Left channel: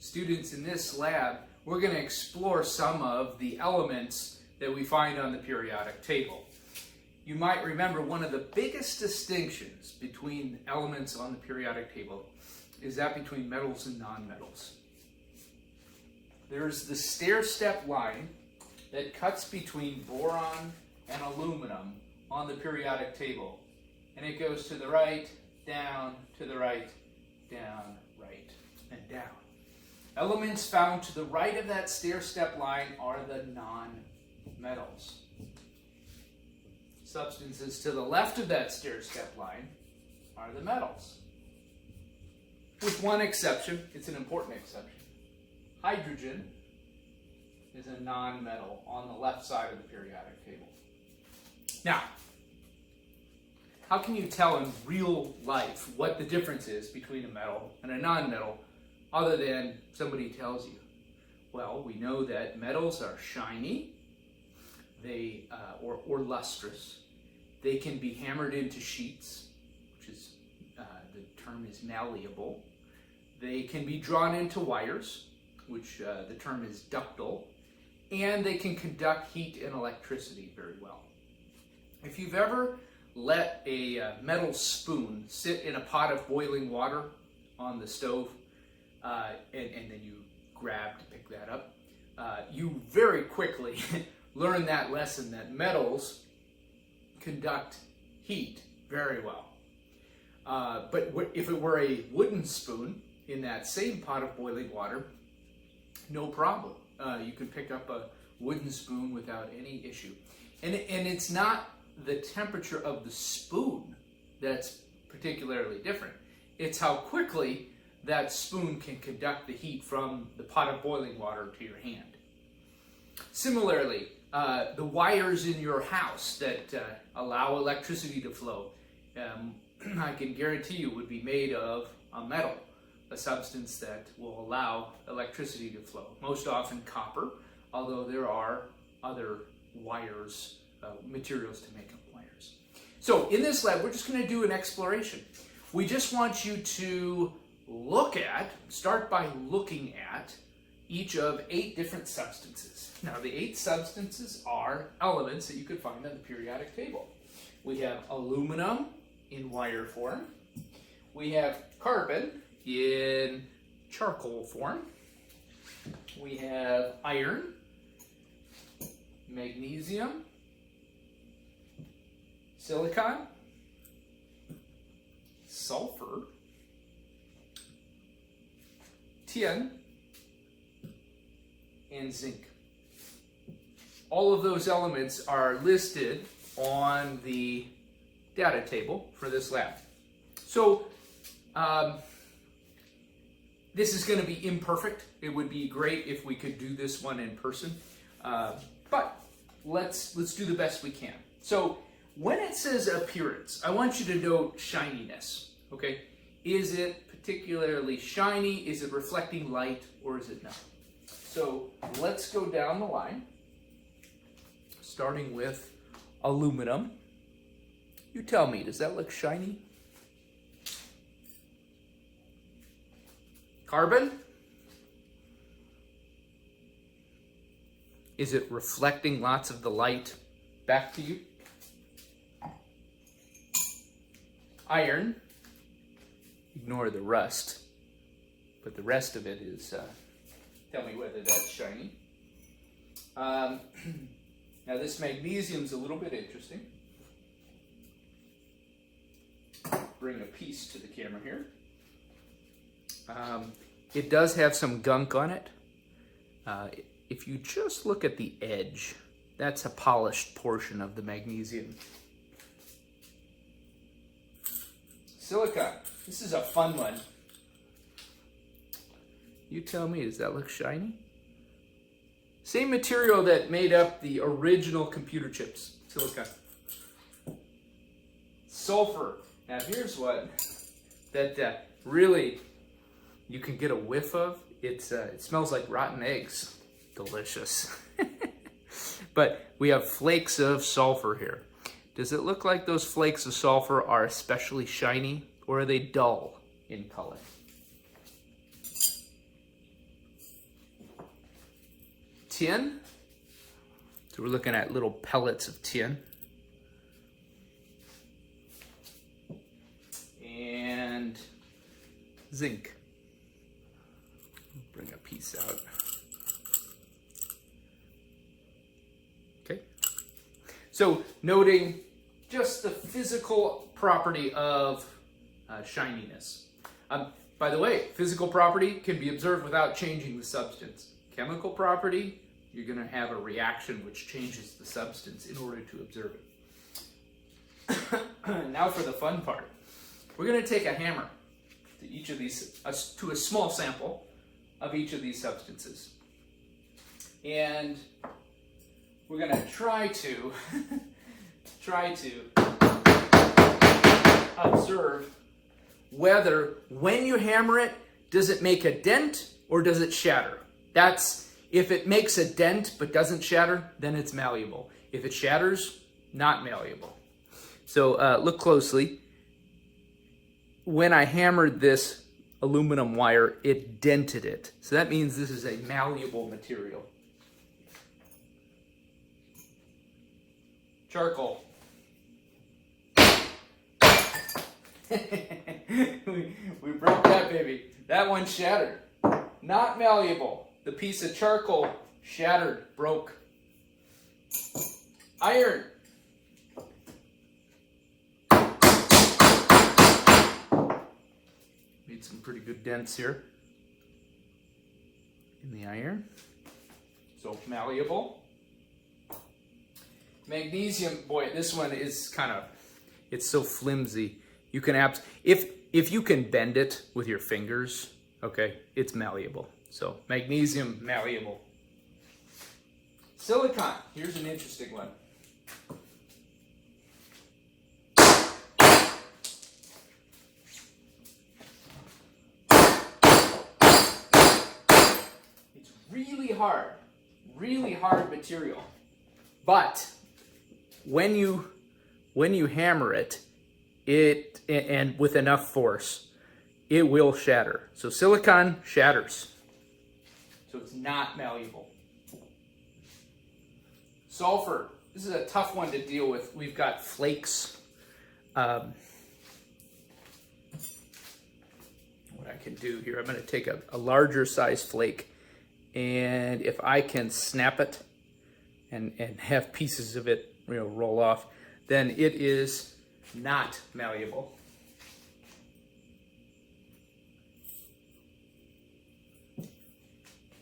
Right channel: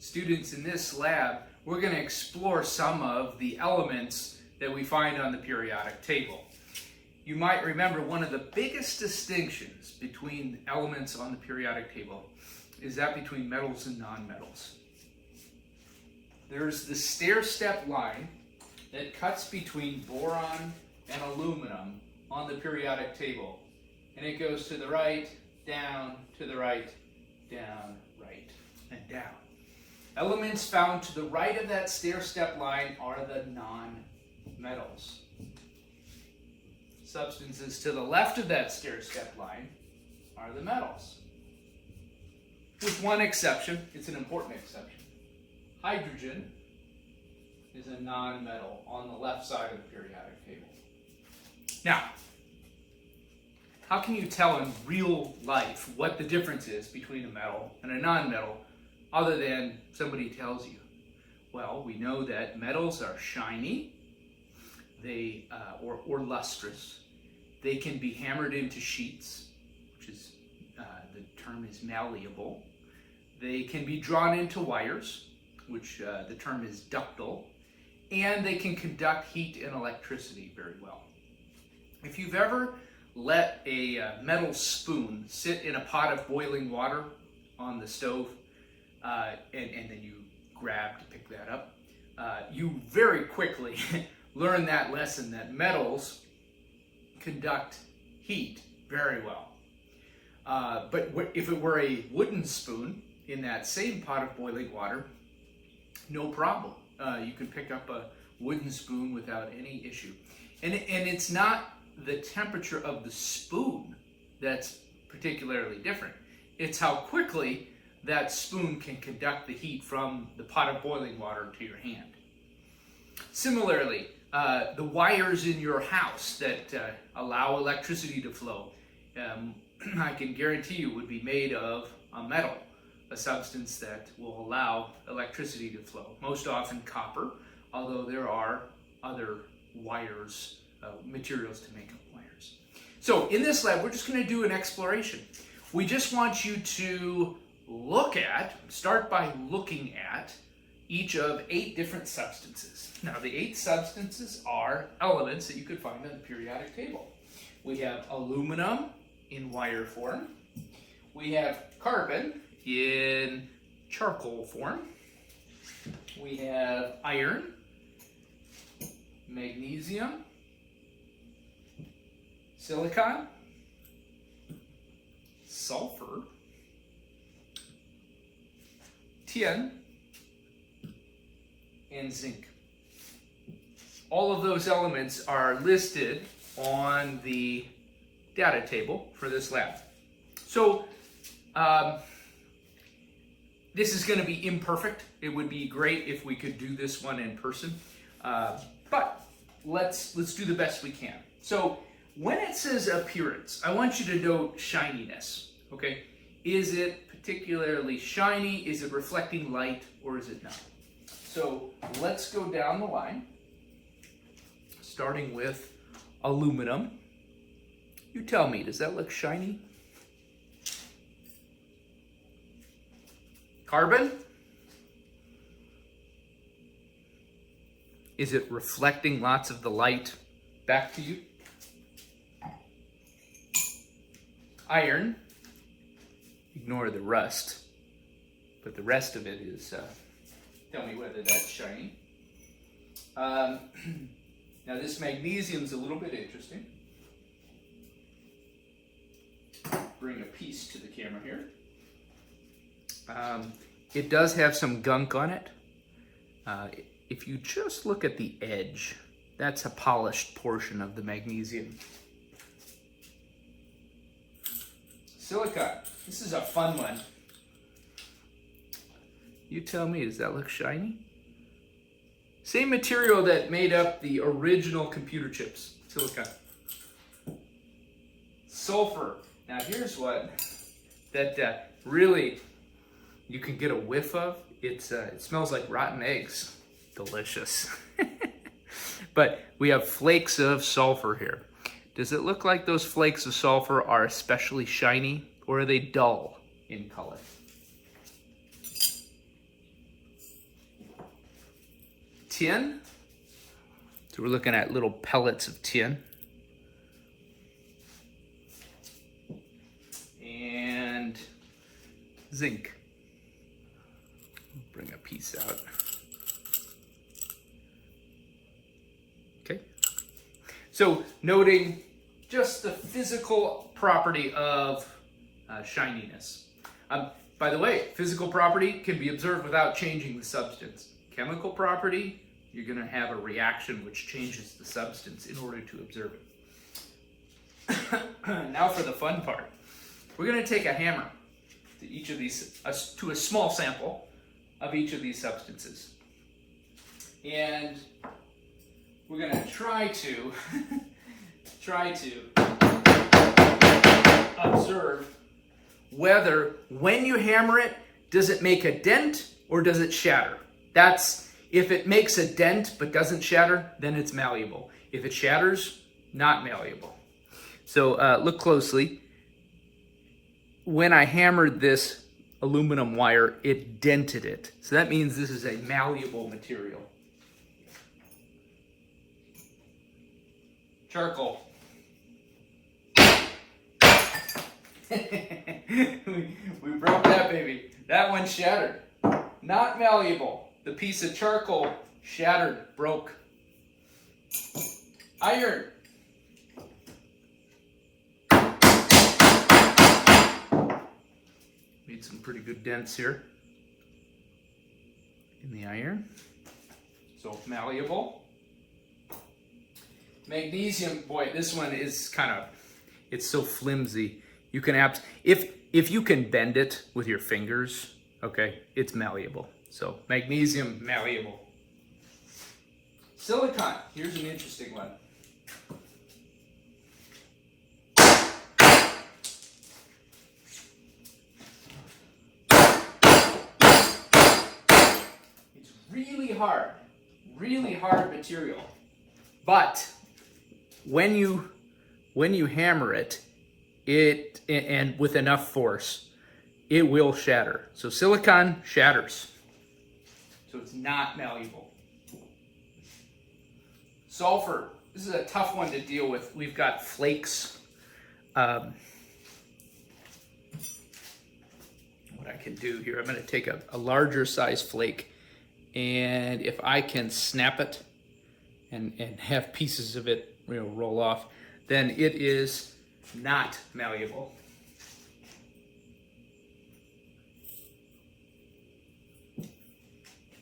students, in this lab, we're going to explore some of the elements that we find on the periodic table. You might remember one of the biggest distinctions between elements on the periodic table is that between metals and nonmetals. There's the stair-step line that cuts between boron and aluminum on the periodic table. And it goes to the right, down, to the right, down, right, and down. Elements found to the right of that stair-step line are the non-metals. Substances to the left of that stair-step line are the metals. With one exception, it's an important exception. Hydrogen is a non-metal on the left side of the periodic table. Now, how can you tell in real life what the difference is between a metal and a non-metal other than somebody tells you? Well, we know that metals are shiny, or lustrous. They can be hammered into sheets, which is, the term is malleable. They can be drawn into wires, which the term is ductile, and they can conduct heat and electricity very well. If you've ever let a metal spoon sit in a pot of boiling water on the stove, and then you grab to pick that up, you very quickly learn that lesson that metals conduct heat very well. But if it were a wooden spoon in that same pot of boiling water, no problem. You can pick up a wooden spoon without any issue. And it's not the temperature of the spoon that's particularly different. It's how quickly that spoon can conduct the heat from the pot of boiling water to your hand. Similarly, the wires in your house that allow electricity to flow, I can guarantee you would be made of a metal, a substance that will allow electricity to flow. Most often copper, although there are other wires, materials to make up wires. So in this lab, we're just going to do an exploration. We just want you to start by looking at each of 8 different substances. Now, the 8 substances are elements that you could find on the periodic table. We have aluminum in wire form. We have carbon in charcoal form. We have iron, magnesium, silicon, sulfur, tin, and zinc. All of those elements are listed on the data table for this lab. So this is going to be imperfect. It would be great if we could do this one in person, but let's do the best we can. So when it says appearance, I want you to note shininess. Okay, is it particularly shiny? Is it reflecting light, or is it not? So let's go down the line, starting with aluminum. You tell me, does that look shiny? Carbon? Is it reflecting lots of the light back to you? Iron, ignore the rust, but the rest of it is, tell me whether that's shiny. Now this magnesium's a little bit interesting. Bring a piece to the camera here. It does have some gunk on it. If you just look at the edge, that's a polished portion of the magnesium. Silicon. This is a fun one. You tell me, does that look shiny? Same material that made up the original computer chips, silicon. Sulfur. Now here's one that really you can get a whiff of. It smells like rotten eggs. Delicious. But we have flakes of sulfur here. Does it look like those flakes of sulfur are especially shiny, or are they dull in color? tin. So we're looking at little pellets of tin. And zinc. Bring a piece out. Okay. So noting just the physical property of shininess. By the way, physical property can be observed without changing the substance. Chemical property, you're going to have a reaction which changes the substance in order to observe it. Now for the fun part. We're going to take a hammer to each of these, to a small sample of each of these substances. And we're going to try to observe whether when you hammer it, does it make a dent or does it shatter? If it makes a dent but doesn't shatter, then it's malleable. If it shatters, not malleable. So look closely. When I hammered this aluminum wire, it dented it. So that means this is a malleable material. Charcoal. we broke that baby. That one shattered. Not malleable. The piece of charcoal shattered, broke. Iron. Made some pretty good dents here in the iron. So malleable. Magnesium, boy, this one is it's so flimsy. You can if you can bend it with your fingers, okay, it's malleable. So magnesium, malleable. Silicon, here's an interesting one. It's really hard material. But when you hammer it, and with enough force, it will shatter. So silicon shatters. So it's not malleable. Sulfur. This is a tough one to deal with. We've got flakes. What I can do here, I'm going to take a larger size flake, and if I can snap it and have pieces of it roll off, then it is not malleable.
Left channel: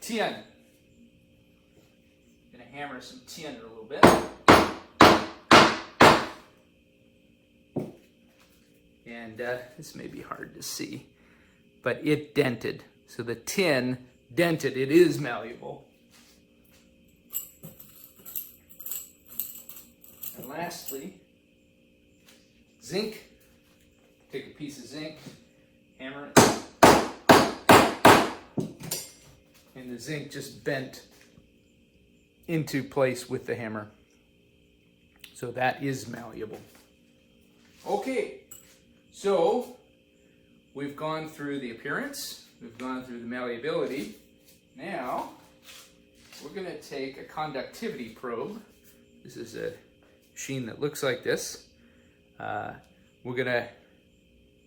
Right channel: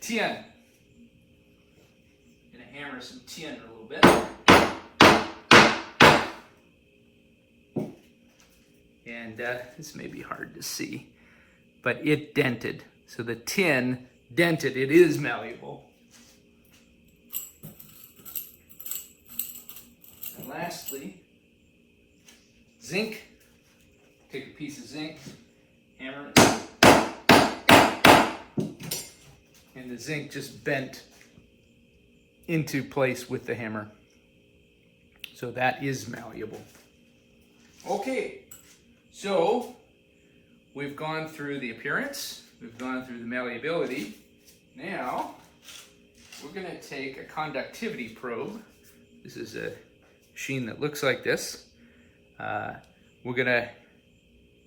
Tin. I'm going to hammer some tin a little bit. And this may be hard to see, but it dented. So the tin dented. It is malleable. And lastly, zinc. Take a piece of zinc, hammer it. And the zinc just bent into place with the hammer. So that is malleable. Okay, so we've gone through the appearance, we've gone through the malleability. Now, we're going to take a conductivity probe. This is a machine that looks like this. We're going to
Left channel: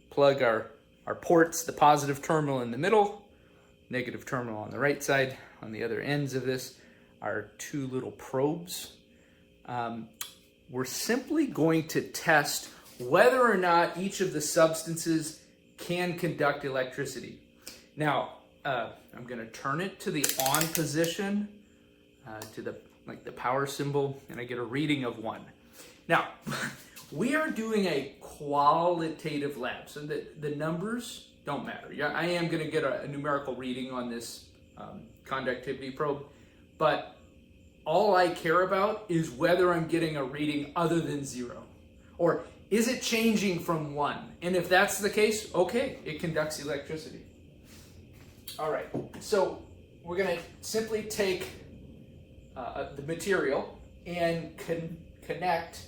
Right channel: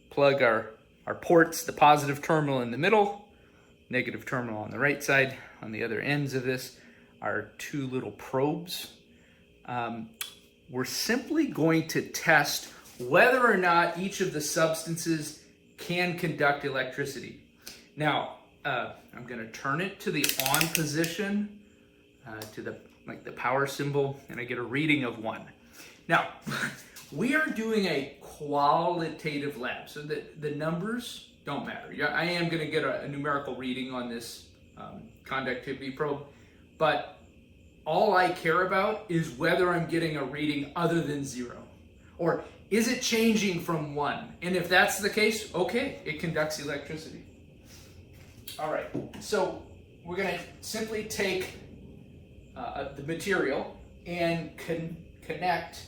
plug our ports, the positive terminal in the middle, negative terminal on the right side. On the other ends of this are two little probes. We're simply going to test whether or not each of the substances can conduct electricity. Now, I'm going to turn it to the on position, to the power symbol, and I get a reading of 1. Now, we are doing a qualitative lab, so the numbers don't matter. Yeah, I am going to get a numerical reading on this conductivity probe, but all I care about is whether I'm getting a reading other than 0. Or is it changing from 1? And if that's the case, okay, it conducts electricity. All right, so we're going to simply take the material and connect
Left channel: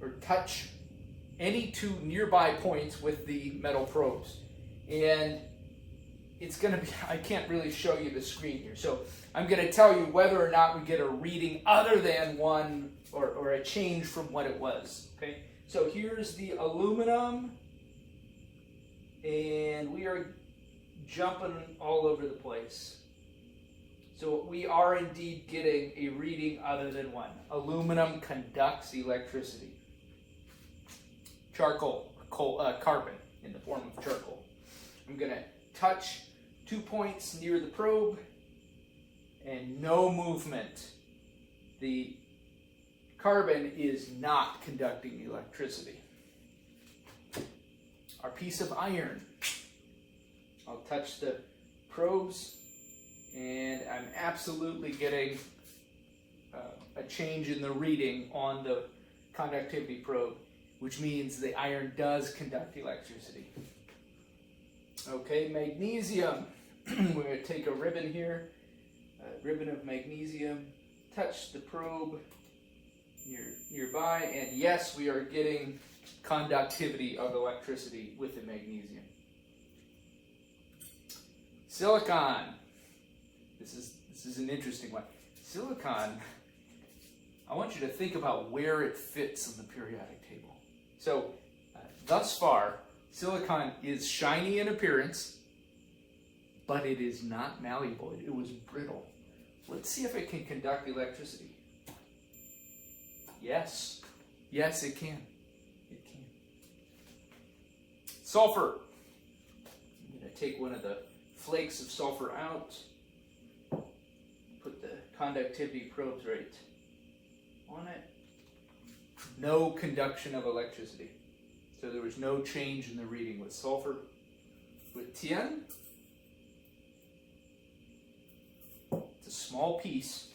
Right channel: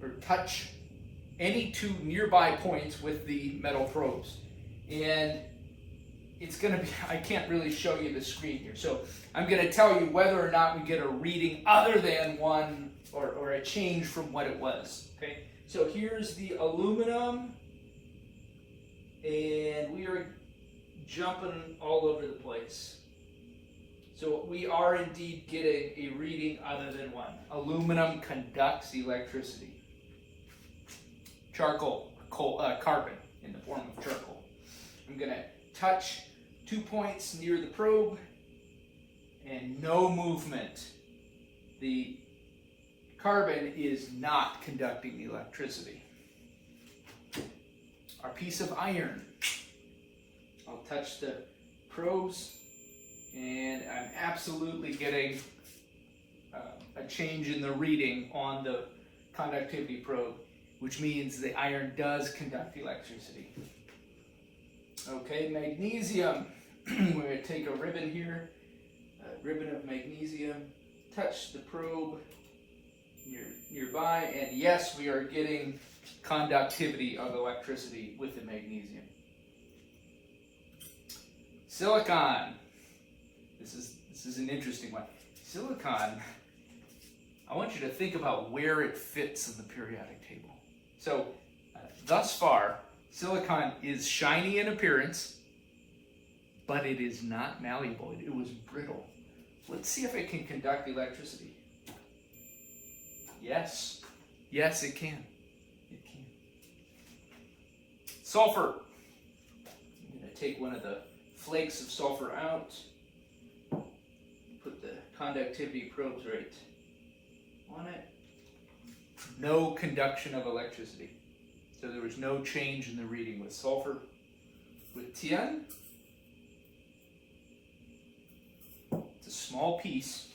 or touch any two nearby points with the metal probes. And it's going to be, I can't really show you the screen here. So I'm going to tell you whether or not we get a reading other than one or a change from what it was. Okay, so here's the aluminum, and we are jumping all over the place. So we are indeed getting a reading other than one. Aluminum conducts electricity. Charcoal, carbon in the form of charcoal. I'm going to touch 2 points near the probe and no movement. The carbon is not conducting electricity. Our piece of iron. I'll touch the probes and I'm absolutely getting a change in the reading on the conductivity probe, which means the iron does conduct electricity. Okay, magnesium. We're going to take a ribbon here, a ribbon of magnesium, touch the probe nearby, and yes, we are getting conductivity of electricity with the magnesium. Silicon. This is an interesting one. Silicon, I want you to think about where it fits in the periodic table. So, thus far, silicon is shiny in appearance, but it is not malleable. It was brittle. Let's see if it can conduct electricity. Yes. Yes, it can. It can. Sulfur. I'm going to take one of the flakes of sulfur out. Put the conductivity probes right on it. No conduction of electricity. So there was no change in the reading with sulfur. With tin, it's a small piece.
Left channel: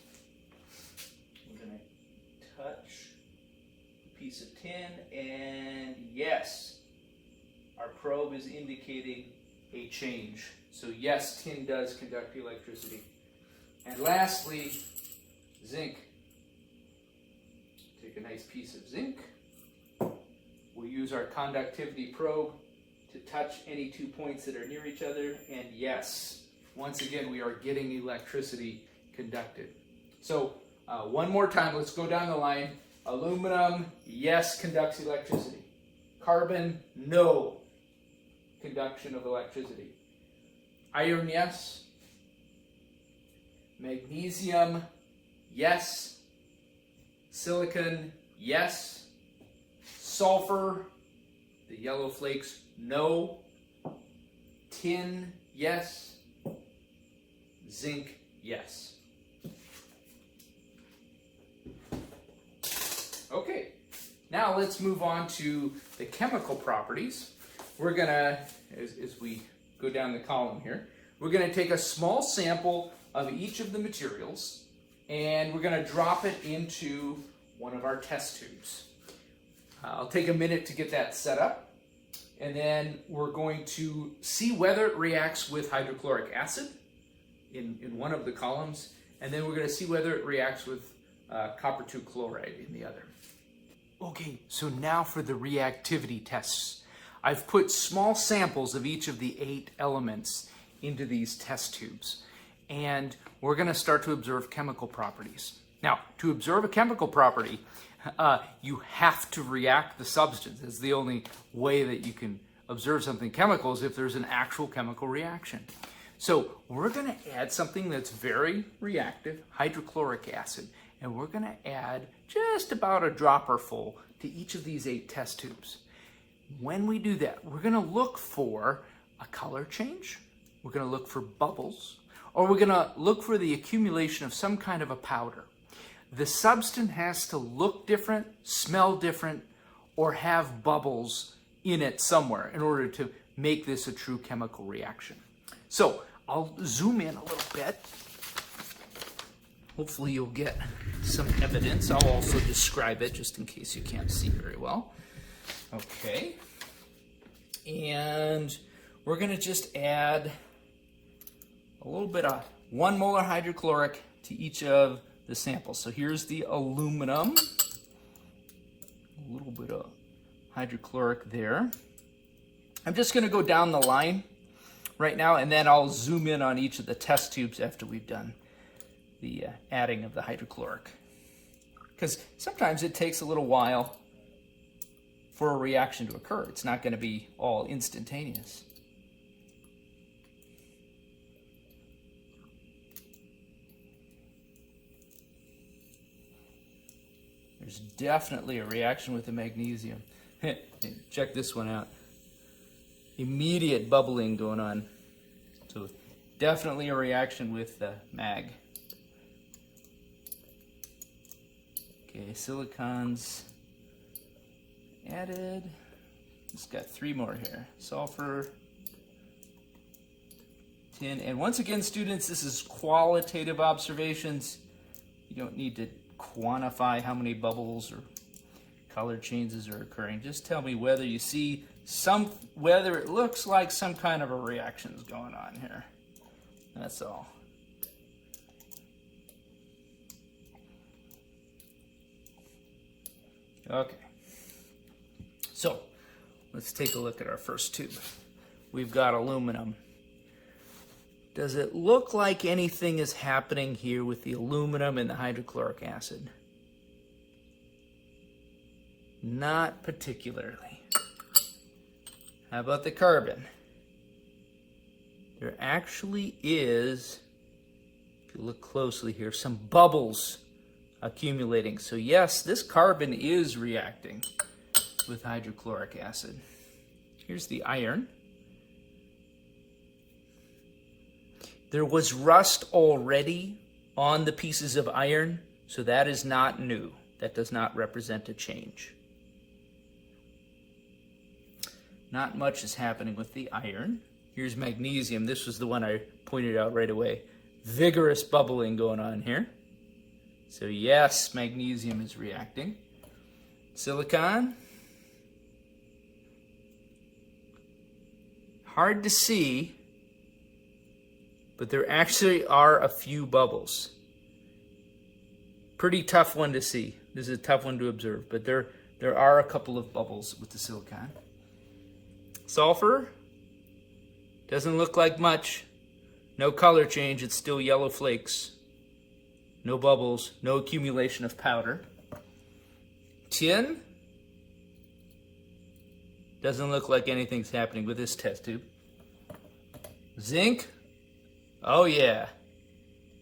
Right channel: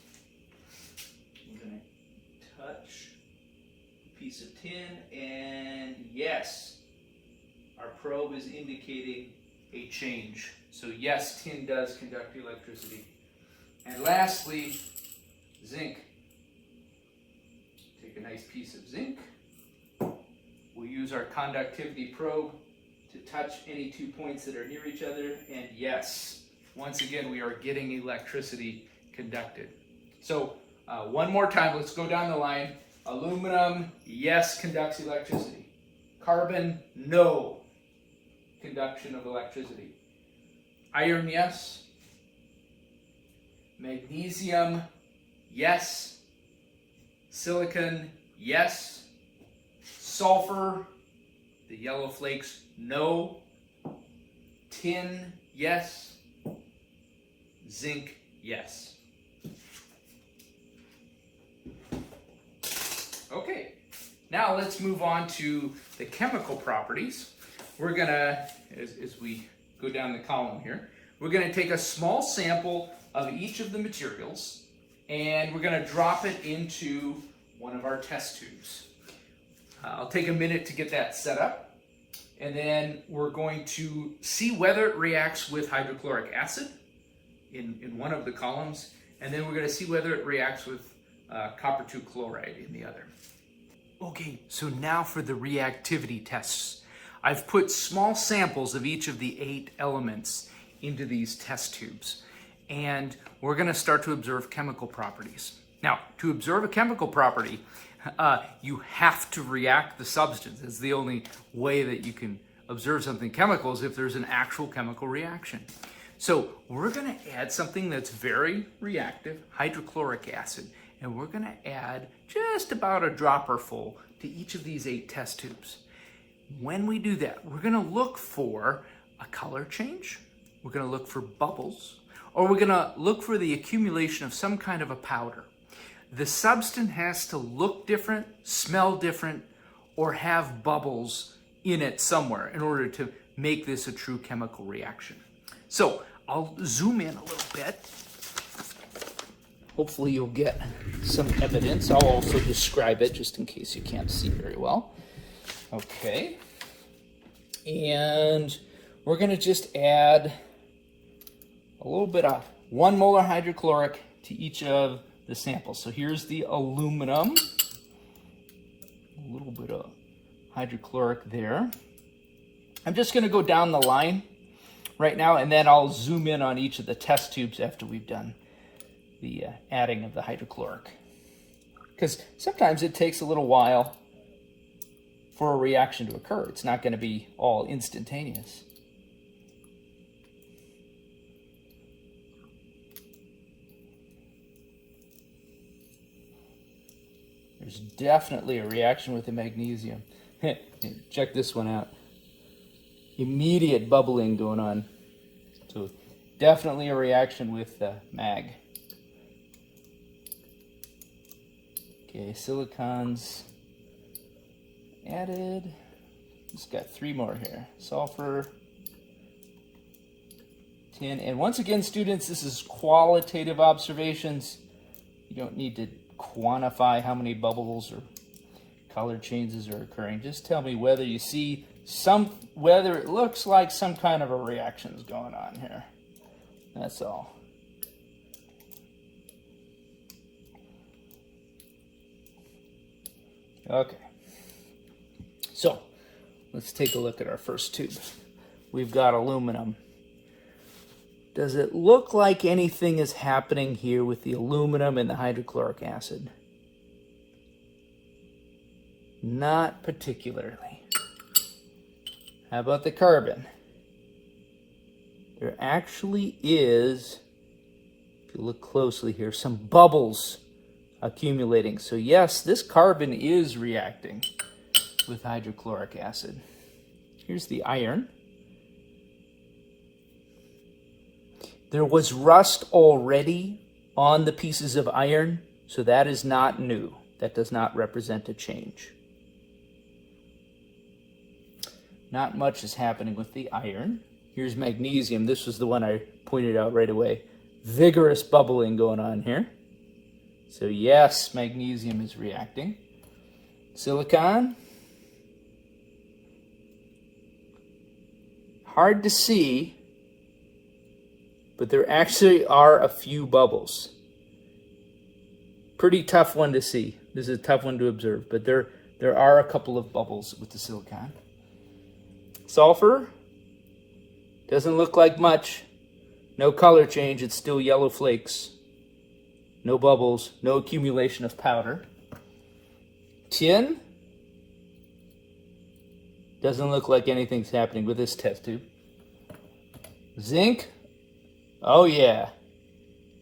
I'm going to touch a piece of tin, and yes, our probe is indicating a change. So yes, tin does conduct electricity. And lastly, zinc. Take a nice piece of zinc. We'll use our conductivity probe to touch any 2 points that are near each other, and yes, once again, we are getting electricity conducted. So one more time, let's go down the line. Aluminum, yes, conducts electricity. Carbon, no conduction of electricity. Iron, yes. Magnesium, yes. Silicon, yes. Sulfur, the yellow flakes, no. Tin, yes. Zinc, yes. Okay, now let's move on to the chemical properties. We're gonna, as we go down the column here, we're gonna take a small sample of each of the materials and we're gonna drop it into one of our test tubes. I'll take a minute to get that set up, and then we're going to see whether it reacts with hydrochloric acid in one of the columns, and then we're going to see whether it reacts with copper 2 chloride in the other. Okay, so now for the reactivity tests. I've put small samples of each of the 8 elements into these test tubes, and we're going to start to observe chemical properties. Now, to observe a chemical property, you have to react the substance. It's the only way that you can observe something chemical is if there's an actual chemical reaction. So we're going to add something that's very reactive, hydrochloric acid, and we're going to add just about a dropper full to each of these 8 test tubes. When we do that, we're going to look for a color change, we're going to look for bubbles, or we're going to look for the accumulation of some kind of a powder. The substance has to look different, smell different, or have bubbles in it somewhere in order to make this a true chemical reaction. So I'll zoom in a little bit. Hopefully you'll get some evidence. I'll also describe it just in case you can't see very well. Okay. And we're going to just add a little bit of 1 molar hydrochloric to each of the samples. So here's the aluminum. A little bit of hydrochloric there. I'm just going to go down the line right now, and then I'll zoom in on each of the test tubes after we've done the adding of the hydrochloric. Because sometimes it takes a little while for a reaction to occur. It's not going to be all instantaneous. There's definitely a reaction with the magnesium. Check this one out. Immediate bubbling going on. So definitely a reaction with the mag. Okay, silicons added. Just got 3 more here. Sulfur, tin, and once again, students, this is qualitative observations. You don't need to quantify how many bubbles or color changes are occurring. Just tell me whether you see whether it looks like some kind of a reaction is going on here. That's all. Okay. So, let's take a look at our first tube. We've got aluminum. Does it look like anything is happening here with the aluminum and the hydrochloric acid? Not particularly. How about the carbon? There actually is, if you look closely here, some bubbles accumulating. So yes, this carbon is reacting with hydrochloric acid. Here's the iron. There was rust already on the pieces of iron, so that is not new. That does not represent a change. Not much is happening with the iron. Here's magnesium. This was the one I pointed out right away. Vigorous bubbling going on here. So yes, magnesium is reacting. Silicon. Hard to see, but there actually are a few bubbles. Pretty tough one to see. This is a tough one to observe, but there are a couple of bubbles with the silicon. Sulfur. Doesn't look like much. No color change, it's still yellow flakes. No bubbles, no accumulation of powder. Tin. Doesn't look like anything's happening with this test tube. Zinc. Oh yeah.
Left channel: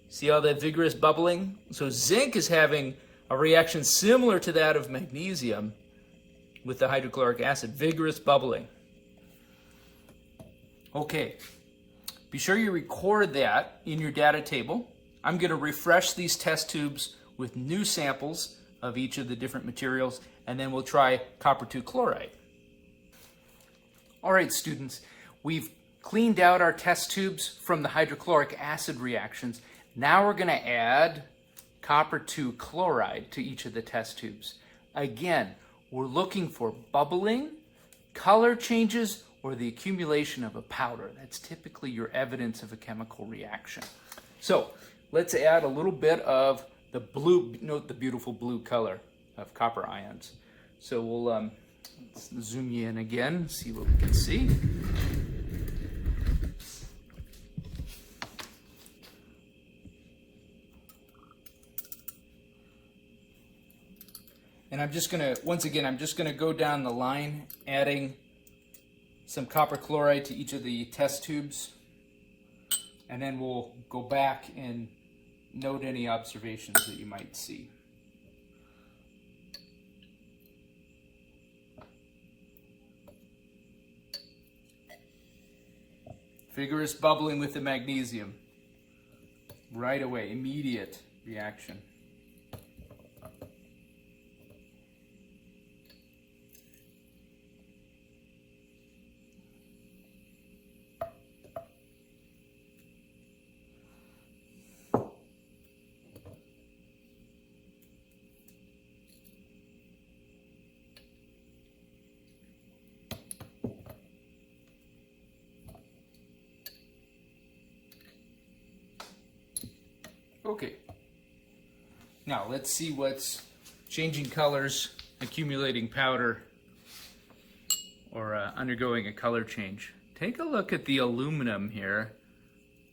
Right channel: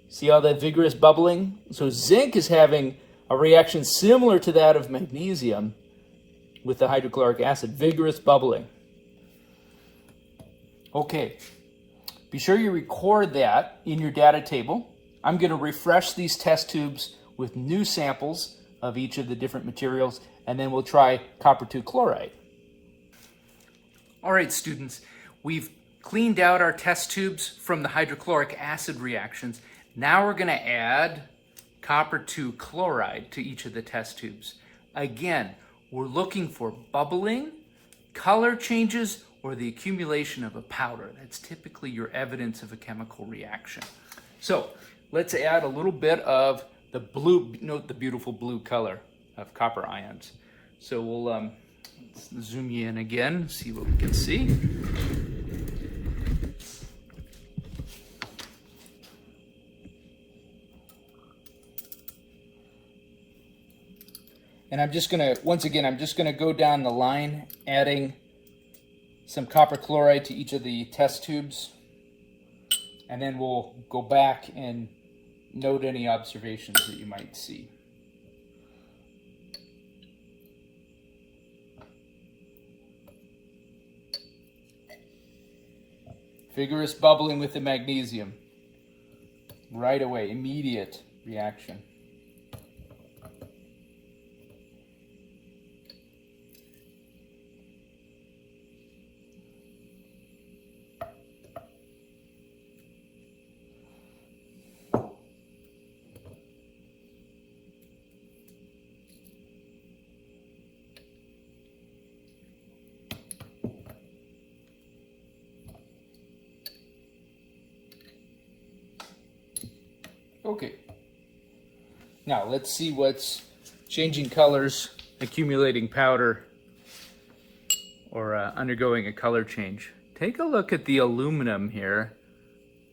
See all that vigorous bubbling? So zinc is having a reaction similar to that of magnesium with the hydrochloric acid. Vigorous bubbling. Okay. Be sure you record that in your data table. I'm going to refresh these test tubes with new samples of each of the different materials, and then we'll try copper 2 chloride. All right, students, we've cleaned out our test tubes from the hydrochloric acid reactions. Now we're going to add copper 2 chloride to each of the test tubes. Again, we're looking for bubbling, color changes, or the accumulation of a powder. That's typically your evidence of a chemical reaction. So let's add a little bit of the blue, note the beautiful blue color of copper ions. So we'll let's zoom you in again, see what we can see. And I'm just gonna, once again, I'm just gonna go down the line, adding some copper chloride to each of the test tubes, and then we'll go back and note any observations that you might see. Vigorous bubbling with the magnesium. Right away, immediate reaction. Okay, now let's see what's changing colors, accumulating powder, or undergoing a color change. take a look at the aluminum here.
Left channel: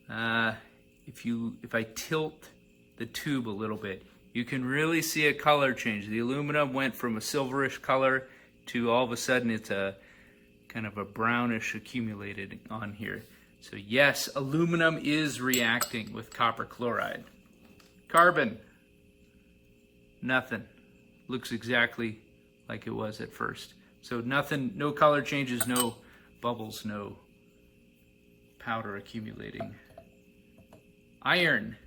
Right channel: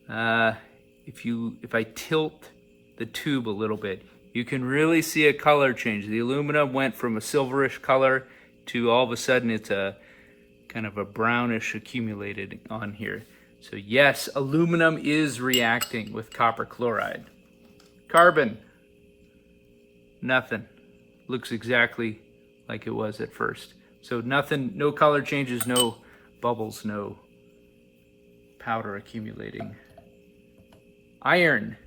If I tilt the tube a little bit, you can really see a color change. The aluminum went from a silverish color to all of a sudden it's a kind of a brownish accumulated on here. So yes, aluminum is reacting with copper chloride. Carbon, nothing. Looks exactly like it was at first. So nothing, no color changes, no bubbles, no powder accumulating. Iron,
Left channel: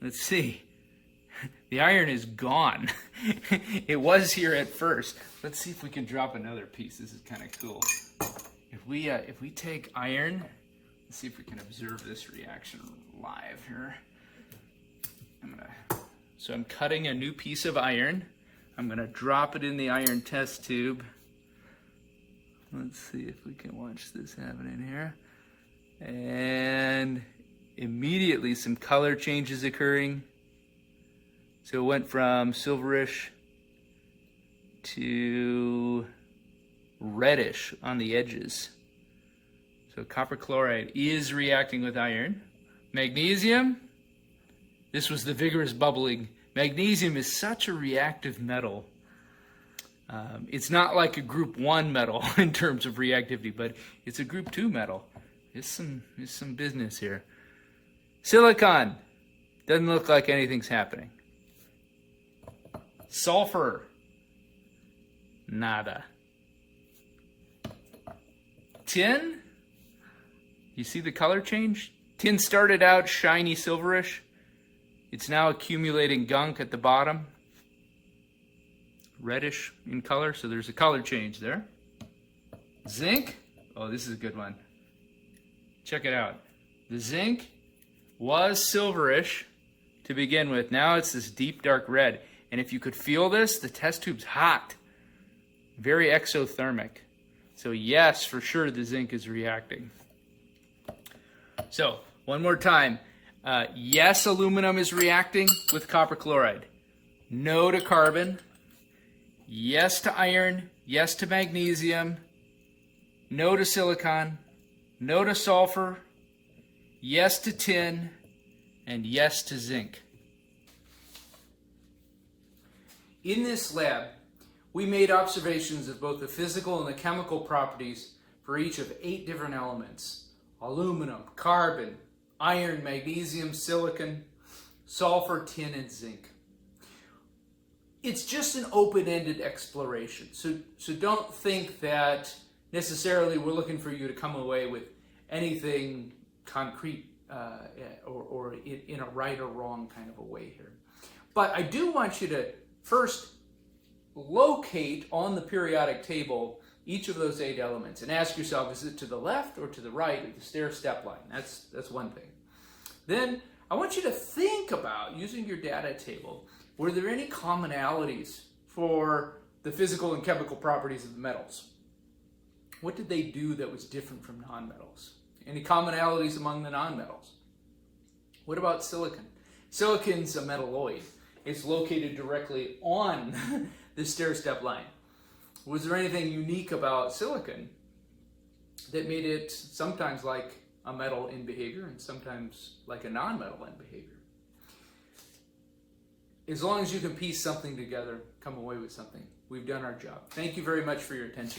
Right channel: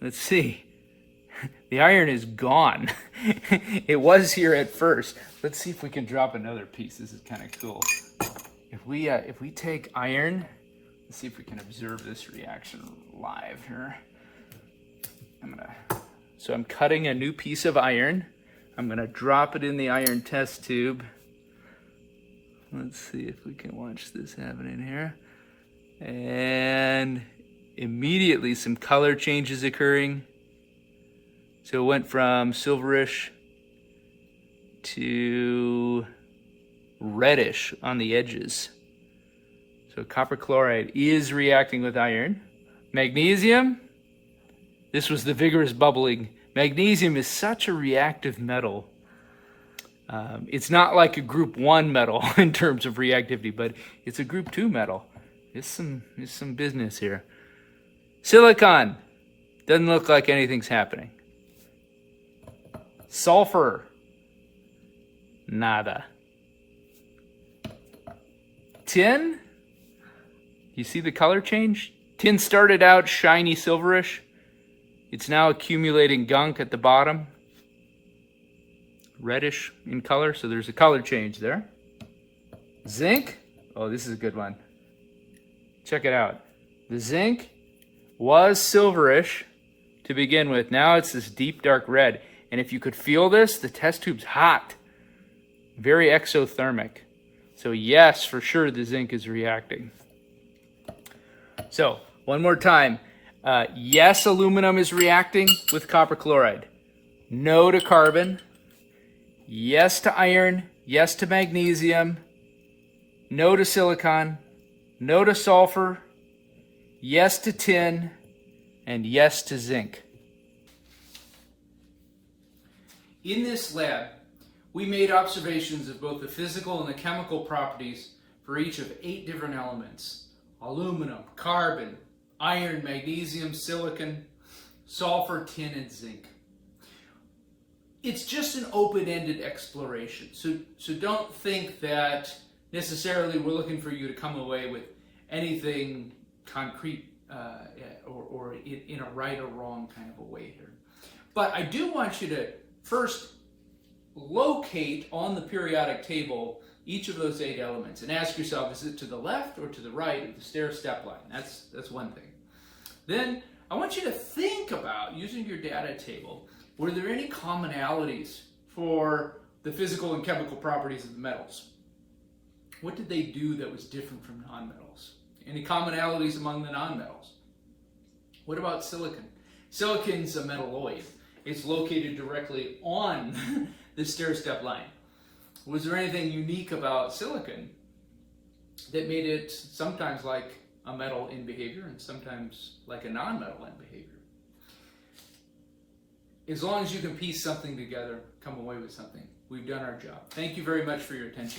let's see. The iron is gone. It was here at first. Let's see if we can drop another piece. This is kind of cool. If we take iron, let's see if we can observe this reaction live here. So I'm cutting a new piece of iron. I'm gonna drop it in the iron test tube. Let's see if we can watch this happening here. And immediately some color changes occurring. So it went from silverish to reddish on the edges. So copper chloride is reacting with iron. Magnesium, this was the vigorous bubbling. Magnesium is such a reactive metal. It's not like a group 1 metal in terms of reactivity, but it's a group 2 metal. There's some business here. Silicon, doesn't look like anything's happening. Sulfur, nada. Tin, you see the color change? Tin started out shiny silverish. It's now accumulating gunk at the bottom. Reddish in color, so there's a color change there. Zinc, oh, this is a good one. Check it out. The zinc was silverish to begin with. Now it's this deep dark red. And if you could feel this, the test tube's hot. Very exothermic. So yes, for sure the zinc is reacting. So, one more time. Yes, aluminum is reacting with copper chloride. No to carbon. Yes to iron. Yes to magnesium. No to silicon. No to sulfur. Yes to tin. And yes to zinc. In this lab, we made observations of both the physical and the chemical properties for each of 8 different elements: aluminum, carbon, iron, magnesium, silicon, sulfur, tin, and zinc. It's just an open-ended exploration, so don't think that necessarily we're looking for you to come away with anything concrete or in a right or wrong kind of a way here. But I do want you to first locate on the periodic table each of those 8 elements and ask yourself, is it to the left or to the right of the stair-step line? That's one thing. Then I want you to think about, using your data table, were there any commonalities for the physical and chemical properties of the metals? What did they do that was different from nonmetals? Any commonalities among the nonmetals? What about silicon? Silicon's a metalloid. It's located directly on the stair-step line. Was there anything unique about silicon that made it sometimes like a metal in behavior and sometimes like a non-metal in behavior? As long as you can piece something together, come away with something, we've done our job. Thank you very much for your attention.